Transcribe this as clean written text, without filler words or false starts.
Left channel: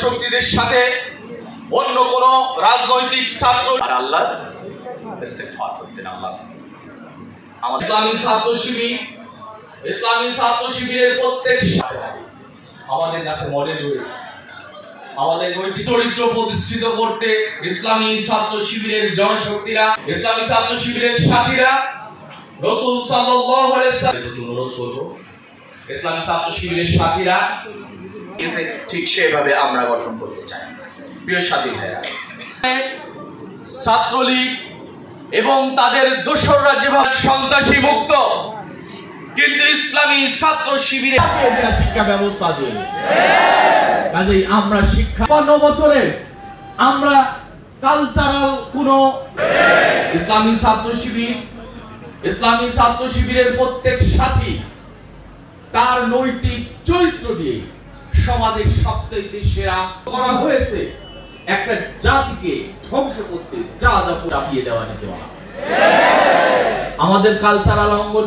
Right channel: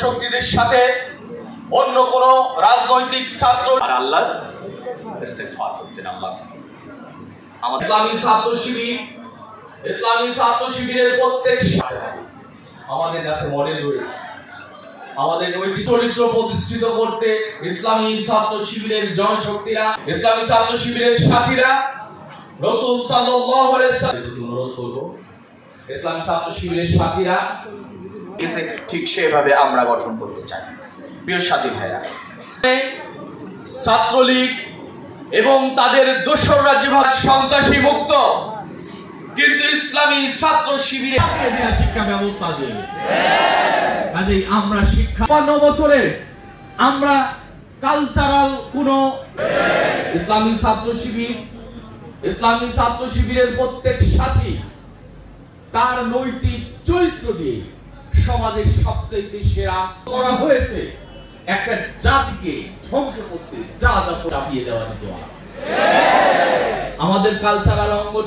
জনশক্তিদের সাথে অন্য কোন রাজনৈতিক ছাত্র আল্লাহ ইস্তেগফার করতেন। আল্লাহ ইসলামী ছাত্র শিবিরের প্রত্যেক আমাদের কাছে মডেল রয়েছে। আমাদের নৈতিক চরিত্র প্রতিষ্ঠিত করতে ইসলামী ছাত্র শিবিরের জনশক্তিরা, ইসলামী ছাত্র শিবিরের সাথীরা রাসূল সাল্লাল্লাহু আলাইহি ওয়াসাল্লাম অনুরোধ করব, ইসলামী ছাত্র শিবিরের সাথীরা ঠিক সেভাবে আমরা গঠন করতে চাই। প্রিয় সাথী ভাইরা, ছাত্রলীগ এবং তাদের দোসররা যেভাবে সন্ত্রাসী মুক্ত, কিন্তু ইসলামী ছাত্র শিবিরে শিক্ষা ব্যবস্থা দিয়ে কাজেই আমরা শিক্ষা ৫৫ বছরে আমরা কালচারাল কোন ইসলামী ছাত্র শিবিরের প্রত্যেক সাথী তার নৈতিক চরিত্র দিয়ে সমাজের সবচেয়ে সেরা করা হয়েছে একটা জাতিকে ধ্বংস করতে যা যা চাপিয়ে দেওয়া নিতে আমাদের কালচারাল অঙ্গন